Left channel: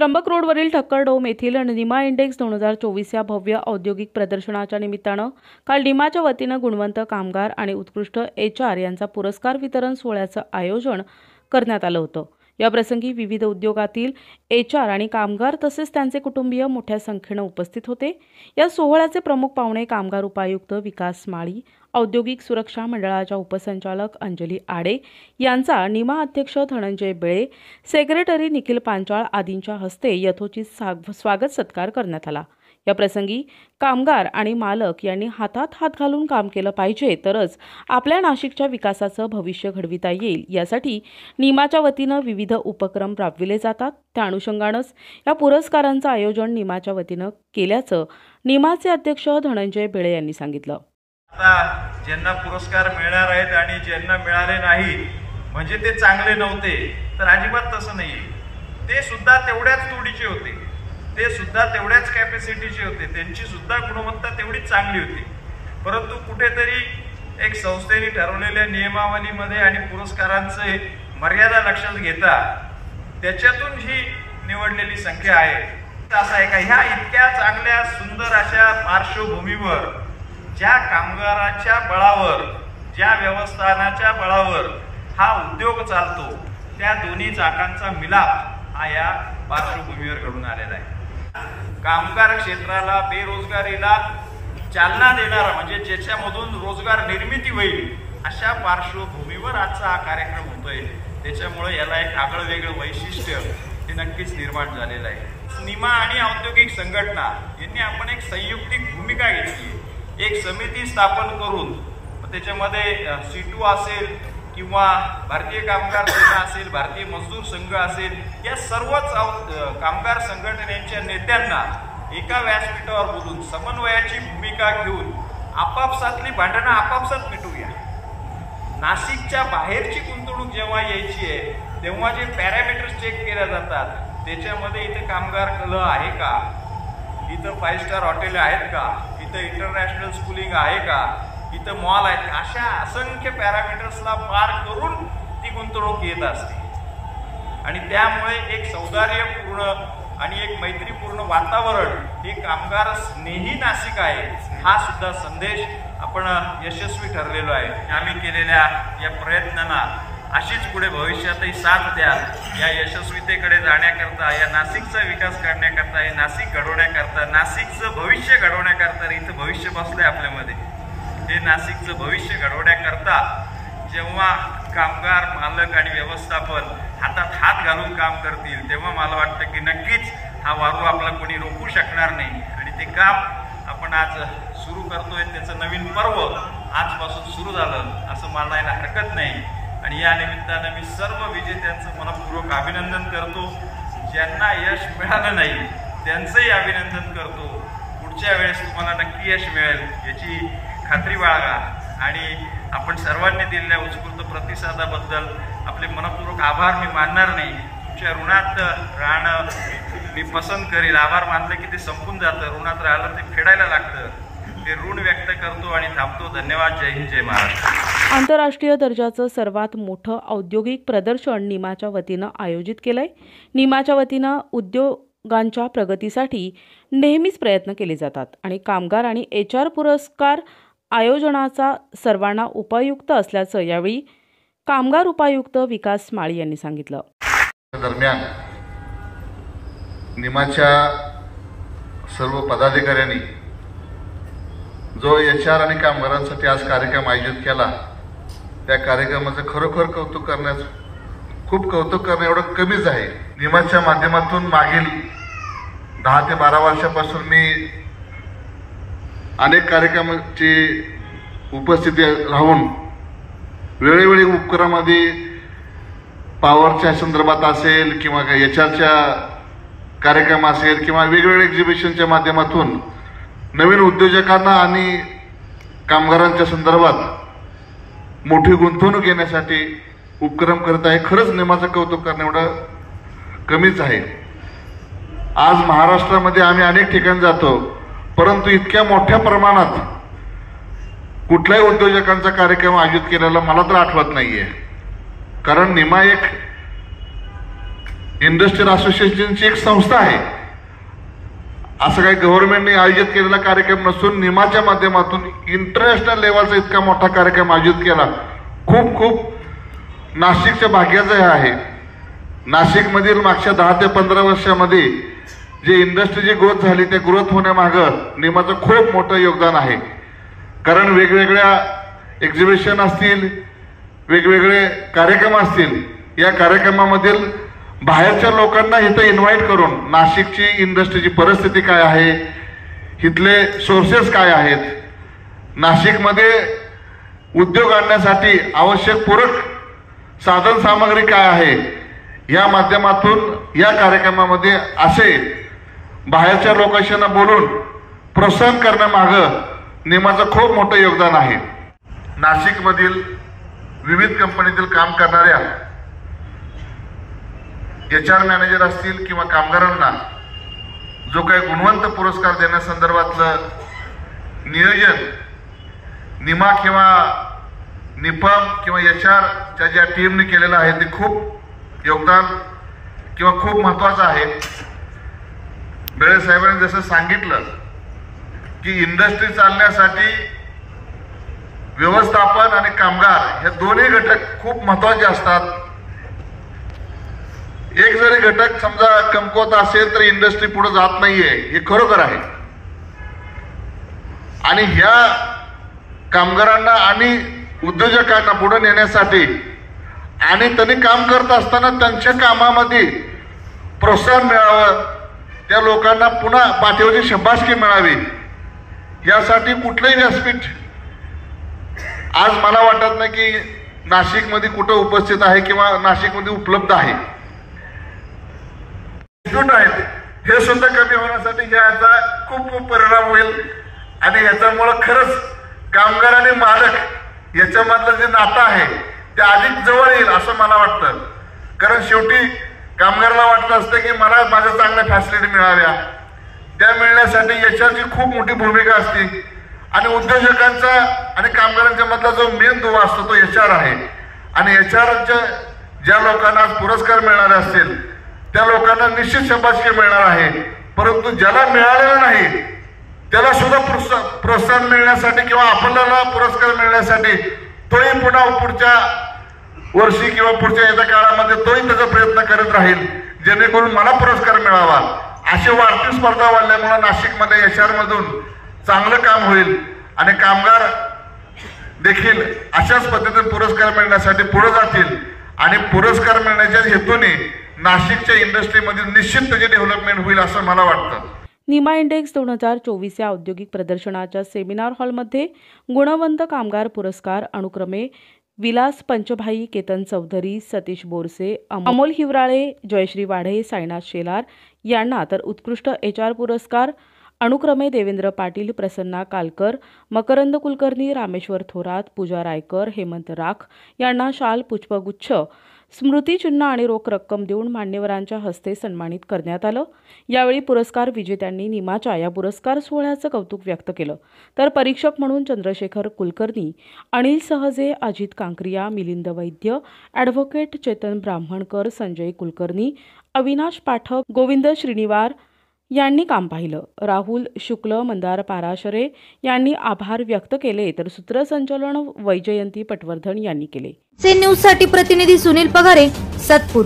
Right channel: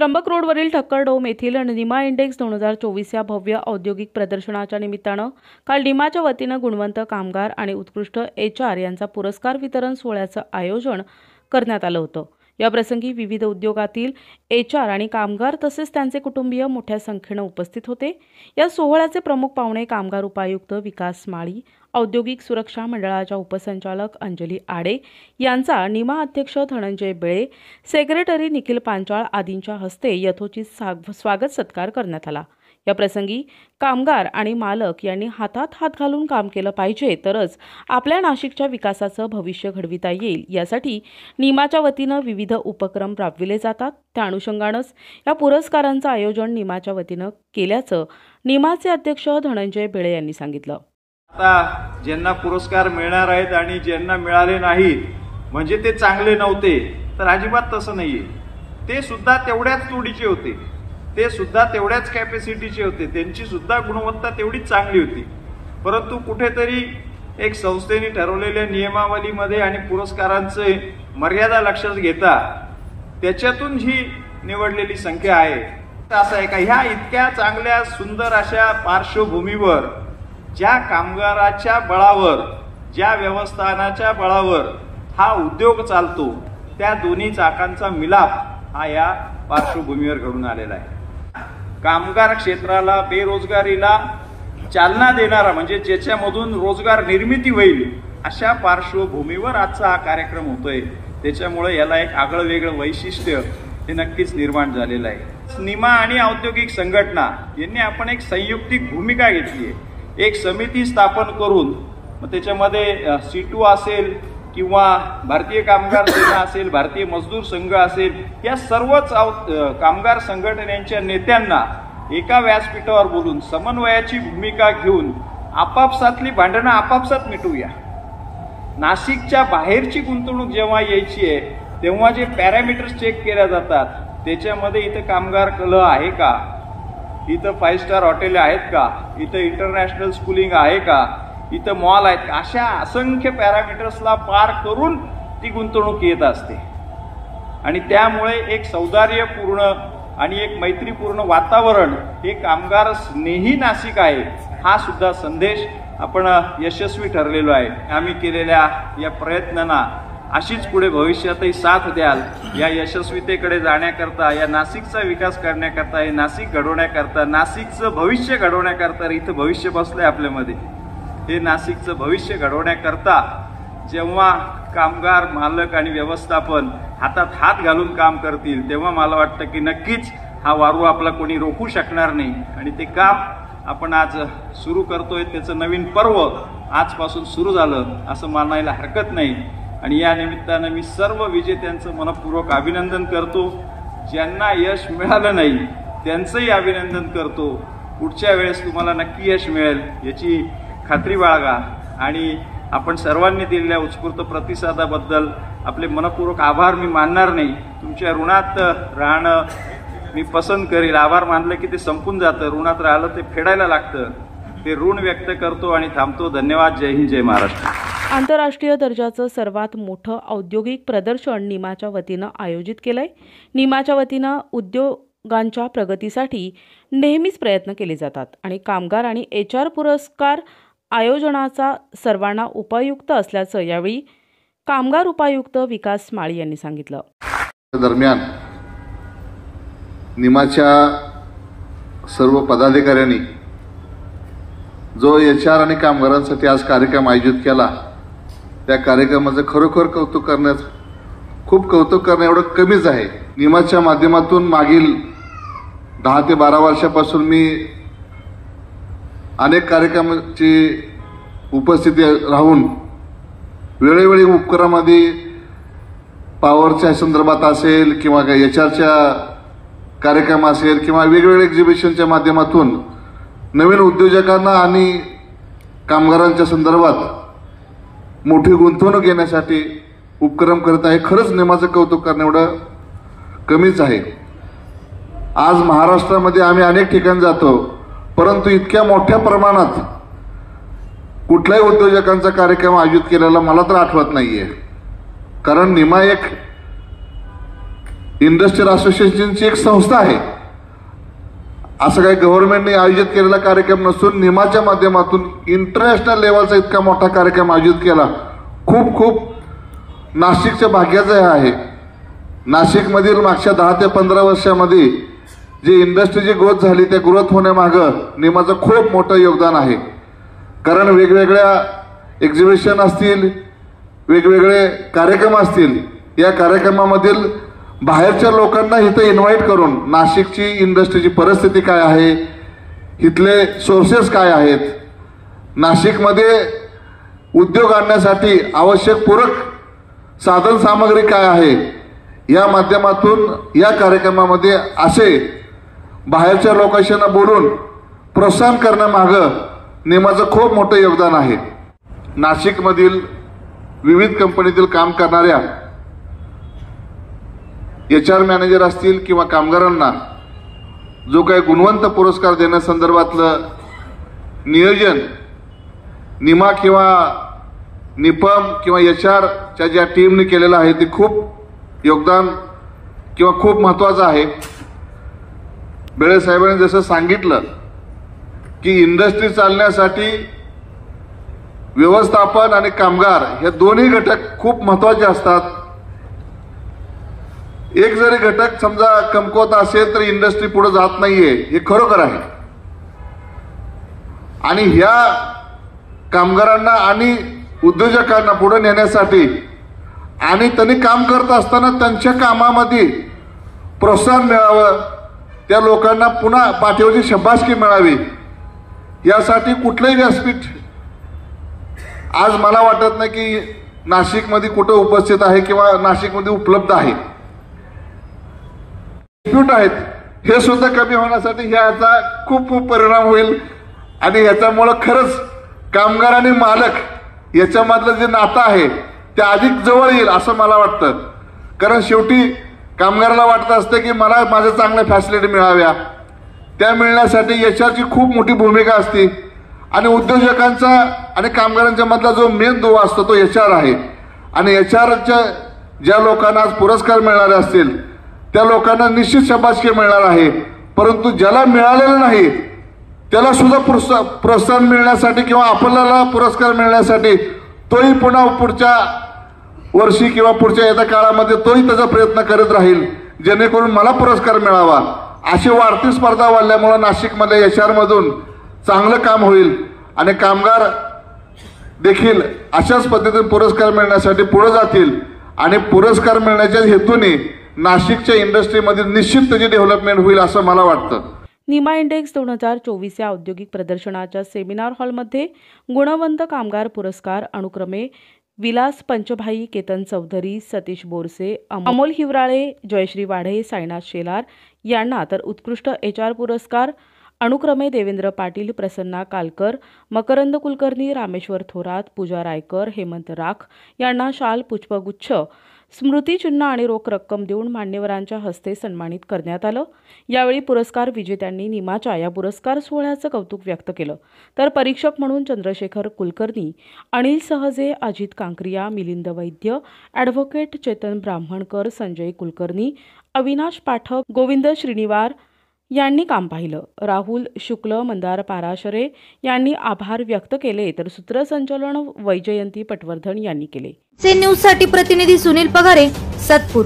त्र्यंबक रोडवरील ठक्करडोम येथील निमा इंडेक्स 2024 या भव्य औद्योगिक प्रदर्शनाच्या निमित्तानं काल निमाच्या वतीनं गुणवंत कामगार आणि उत्कृष्ट HR यांचा पुरस्कार वितरण सोहळ्याचं आयोजन करण्यात आलं होतं। या प्रसंगी विविध उद्योगातील HR आणि कामगार तसेच त्यांचे कुटुंबीय मोठ्या संख्येने उपस्थित होते। या सोहळ्याचे प्रमुख पाहुणे कामगार उपायुक्त विकास माळी, औद्योगिक सुरक्षा मंडळाच्या उपसंचालक अंजली आडे यांचा निमा अध्यक्ष धनंजय बेळे, सेक्रेटरी निखिल पांचाळ आदींच्या हस्ते यथोचित स्वागत सत्कार करण्यात आला। या प्रसंगी कामगार आणि मालक यांनी हातात हात घालून काम केलं पाहिजे, तरच आपल्या नाशिकच्या विकासाचं भविष्य घडविता येईल। यासाठी निमाच्या वतीनं विविध उपक्रम राबविले जातात। त्या अनुषंगानेच या पुरस्कारांचं आयोजन निमाच्या वतीनं केल्याचं निमाचे अध्यक्ष धनंजय बेळे यांनी सांगितलं। आता ज्यांना पुरस्कार मिळणार आहेत आणि ज्यांना मिळाले नाही म्हणजे ते चांगले नव्हते, तर अजिबात तसं नाहीये। ते सुद्धा तेवढ्याच तोडीचे होते, ते सुद्धा तेवढ्याच कॅपॅसिटीचे होते, त्यांची सुद्धा गुणवत्ता तेवढीच चांगली होती। परंतु कुठेतरी एक संस्थेने ठरवलेल्या नियमावलीमध्ये आणि पुरस्कारांचे मर्यादा लक्षात घेता त्याच्यातून ही निवडलेली संख्या आहे। असं आहे का, ह्या इतक्या चांगल्या सुंदर अशा पार्श्वभूमीवर ज्या कामगाराच्या बळावर, ज्या व्यवस्थापनाच्या बळावर हा उद्योग चालतो, त्या दोन्ही चाकांचा मिलाप हा या पार्श्वभूमीवर घडून आलेला आहे। कामगार क्षेत्राला, बेरोजगारीला चालना देणारा म्हणजे ज्याच्यामधून रोजगार निर्मिती होईल अशा पार्श्वभूमीवर आजचा हा कार्यक्रम होतोय। त्याच्यामुळे याला एक आगळं वेगळं वैशिष्ट्य हे नक्कीच निर्माण झालेलं आहे। निमा आणि औद्योगिक संघटना यांनी आपण एक संयुक्तिक भूमिका घेतली आहे। एक समिती स्थापन करून त्याच्यामध्ये C2 असेल किंवा भारतीय कामगार सेना असेल, भारतीय मजदूर संघ असेल, या सर्वच कामगार संघटनेच्या नेत्यांना एका व्यासपीठावर बोलून समन्वयाची भूमिका घेऊन आपापसातली भांडणं आपापसात मिटवूया। नाशिकच्या बाहेरची गुंतवणूक जेव्हा यायची आहे तेव्हा जे पॅरामीटर्स चेक केल्या जातात त्याच्यामध्ये इथे कामगार कलह आहे का, इथं 5 स्टार हॉटेल आहेत का, इथं इंटरनॅशनल स्कूलिंग आहे का, इथं मॉल आहेत का, अशा असंख्य पॅरामीटर्सला पार करून ती गुंतवणूक येत असते। आणि त्यामुळे एक सौहार्दपूर्ण आणि एक मैत्रीपूर्ण वातावरण हे कामगार स्नेही नाशिक आहे, हा सुद्धा संदेश आपण यशस्वी ठरलेलो आहे। आम्ही केलेल्या या प्रयत्नांना अशीच पुढे भविष्यातही साथ द्याल। या यशस्वीतेकडे जाण्याकरता, या नाशिकचा विकास करण्याकरता, हे नाशिक घडवण्याकरता, नाशिकचं भविष्य घडवण्याकरता, इथं भविष्य बसलंय आपल्यामध्ये, हे नाशिकचं भविष्य घडवण्याकरता जेव्हा कामगार, मालक आणि व्यवस्थापन हातात हात घालून काम करतील तेव्हा मला वाटतं की नक्कीच हा वारू आपला कोणी रोखू शकणार नाही। आणि ते काम आपण आज सुरू करतोय, त्याचं नवीन पर्व आजपासून सुरू झालं असं मानायला हरकत नाही। आणि या निमित्तानं मी सर्व विजेत्यांचं मनपूर्वक अभिनंदन करतो। ज्यांना यश मिळालं नाही त्यांचंही अभिनंदन करतो। पुढच्या वेळेस तुम्हाला नक्की यश मिळेल याची खात्री बाळगा। आणि आपण सर्वांनी दिलेल्या उत्स्फूर्त प्रतिसादाबद्दल आपले मनपूर्वक आभार मी मानणार नाही। तुमच्या ऋणात राहणं मी पसंत करेल। आभार मानलं की ते संपून जातं, ऋणात राहिलं ते फेडायला लागतं। ते ऋण व्यक्त करतो आणि थांबतो। धन्यवाद। जय हिंद, जय महाराष्ट्र। आंतरराष्ट्रीय दर्जाचं सर्वात मोठं औद्योगिक प्रदर्शन निमाच्या वतीनं आयोजित केलंय। निमाच्या वतीनं उद्योगांच्या प्रगतीसाठी नेहमीच प्रयत्न केले जातात आणि कामगार आणि HR पुरस्कार आयोजनाचा सर्वांना उपयुक्त असल्याचं यावेळी कामगार उपायुक्त विकास माळी यांनी सांगितलं। दरम्यान निमाच्या सर्व पदाधिकाऱ्यांनी जो HR आणि कामगारांसाठी आज कार्यक्रम आयोजित केला, त्या कार्यक्रमाचं खरोखर कौतुक करण्या एवढं कमीच आहे। निमाच्या माध्यमातून मागील 10 ते 12 वर्षापासून मी अनेक कार्यक्रमाची उपस्थिती राहून वेळोवेळी उपक्रमामध्ये पॉवरच्या संदर्भात असेल किंवा HRच्या कार्यक्रम असेल किंवा वेगवेगळ्या एक्झिबिशनच्या माध्यमातून नवीन उद्योजकांना आणि कामगारांच्या संदर्भात मोठी गुंतवणूक घेण्यासाठी उपक्रम करत आहे। खरंच निमाचं कौतुक करणे एवढं कमीच आहे। आज महाराष्ट्रामध्ये आम्ही अनेक ठिकाणी जातो, परंतु इतक्या मोठ्या प्रमाणात कुठल्याही उद्योजकांचा कार्यक्रम आयोजित केलेला मला तर आठवत नाहीये। कारण निमा एक इंडस्ट्रियल असोसिएशनची एक संस्था आहे. असं काही गव्हर्नमेंटने आयोजित केलेला कार्यक्रम नसून निमाच्या माध्यमातून इंटरनॅशनल लेवलचा इतका मोठा कार्यक्रम आयोजित केला. खूप खूप नाशिकच्या भाग्याचं हे आहे. नाशिकमधील मागच्या 10 ते 15 वर्षामध्ये जे इंडस्ट्रीची ग्रोथ झाली त्या ग्रोथ होण्यामागं निमाचं खूप मोठं योगदान आहे. कारण वेगवेगळ्या एक्झिबिशन असतील, वेगवेगळे कार्यक्रम असतील, या कार्यक्रमामधील बाहेरच्या लोकांना इथं इन्व्हाइट करून नाशिकची इंडस्ट्रीची परिस्थिती काय आहे, इथले सोर्सेस काय आहेत, नाशिकमध्ये उद्योग आणण्यासाठी आवश्यक पूरक साधन सामग्री काय आहे, या माध्यमातून या कार्यक्रमामध्ये असे बाहेरच्या लोकांना बोलून प्रोत्साहन करण्यामागं निमाचं खूप मोठं योगदान आहे. नाशिकमधील विविध कंपनीतील काम करणाऱ्या HR मॅनेजर असतील किंवा कामगारांना जो काही गुणवंत पुरस्कार देण्यासंदर्भातलं नियोजन निमा किंवा निपम किंवा HRच्या ज्या टीमने केलेलं आहे ते खूप योगदान किंवा खूप महत्वाचं आहे. बेळे साहेबांनी जसं सांगितलं की इंडस्ट्री चालण्यासाठी व्यवस्थापन आणि कामगार हे दोन्ही घटक खूप महत्वाचे असतात. एक जरी घटक समजा कमकुवत असेल तर इंडस्ट्री पुढे जात नाहीये, हे खरोखर आहे. आणि ह्या कामगारांना आणि उद्योजकांना पुढे नेण्यासाठी आणि त्यांनी काम करत असताना त्यांच्या कामामध्ये प्रोत्साहन मिळावं, त्या लोकांना पुन्हा पाठीवरची शाबासकी मिळावी, यासाठी कुठलंही व्यासपीठ आज मला वाटत नाही की नाशिकमध्ये कुठं उपस्थित आहे किंवा नाशिकमध्ये उपलब्ध आहे. आहेत हे सुद्धा कमी होण्यासाठी ह्याचा खूप खूप परिणाम होईल. आणि ह्याच्यामुळे खरंच कामगार आणि मालक याच्यामधलं जे नातं आहे ते अधिक जवळ येईल असं मला वाटतं. कारण शेवटी कामगाराला वाटत असतं की मला माझ्या चांगल्या फॅसिलिटी मिळाव्या, त्या मिळण्यासाठी HRची खूप मोठी भूमिका असते. आणि उद्योजकांचा आणि कामगारांच्या मधला जो मेन दुवा असतो तो HR आहे. आणि HRच्या ज्या लोकांना आज पुरस्कार मिळणारे असतील त्या लोकांना निश्चित शाबासकी मिळणार आहे. परंतु ज्याला मिळालेलं नाही त्याला सुद्धा प्रोत्साहन मिळण्यासाठी किंवा आपल्याला पुरस्कार मिळण्यासाठी तोही पुन्हा पुढच्या वर्षी किंवा पुढच्या येत्या काळामध्ये तोही त्याचा प्रयत्न करत राहील जेणेकरून मला पुरस्कार मिळावा. अशी वाढती स्पर्धा वाढल्यामुळे नाशिकमध्ये HR मधून चांगलं काम होईल आणि कामगार देखील अशाच पद्धतीने पुरस्कार मिळण्यासाठी पुढे जातील. आणि पुरस्कार मिळण्याच्या हेतूने नाशिकच्या इंडस्ट्रीमध्ये निश्चित त्याची डेव्हलपमेंट होईल असं मला वाटतं. निमा इंडेक्स 2024 या औद्योगिक प्रदर्शनाच्या सेमिनार हॉलमध्ये गुणवंत कामगार पुरस्कार अनुक्रमे विलास पंचभाई, केतन चौधरी, सतीश बोरसे, अमोल हिवराळे, जयश्री वाढे, साईनाथ शेलार यांना तर उत्कृष्ट HR पुरस्कार अनुक्रमे देवेंद्र पाटील, प्रसन्ना कालकर, मकरंद कुलकर्णी, रामेश्वर थोरात, पूजा रायकर, हेमंत राख यांना शाल, पुष्पगुच्छ, स्मृतिचिन्ह आणि रोख रक्कम देऊन मान्यवरांच्या हस्ते सन्मानित करण्यात आलं. यावेळी पुरस्कार विजेत्यांनी निमाच्या या पुरस्कार सोहळ्याचं कौतुक व्यक्त केलं. तर परीक्षक म्हणून चंद्रशेखर कुलकर्णी, अनिल सहजे, अजित कांकरिया, मिलिंद वैद्य, ॲडव्होकेट चेतन ब्राह्मणकर, संजय कुलकर्णी, अविनाश पाठक, गोविंद श्रीनिवार यांनी काम पाहिलं. राहुल शुक्ल, मंदार पाराशरे यांनी आभार व्यक्त केले तर सूत्रसंचालन वैजयंती पटवर्धन यांनी केले. न्यूज साठी प्रतिनिधी सुनील पगारे, सातपूर.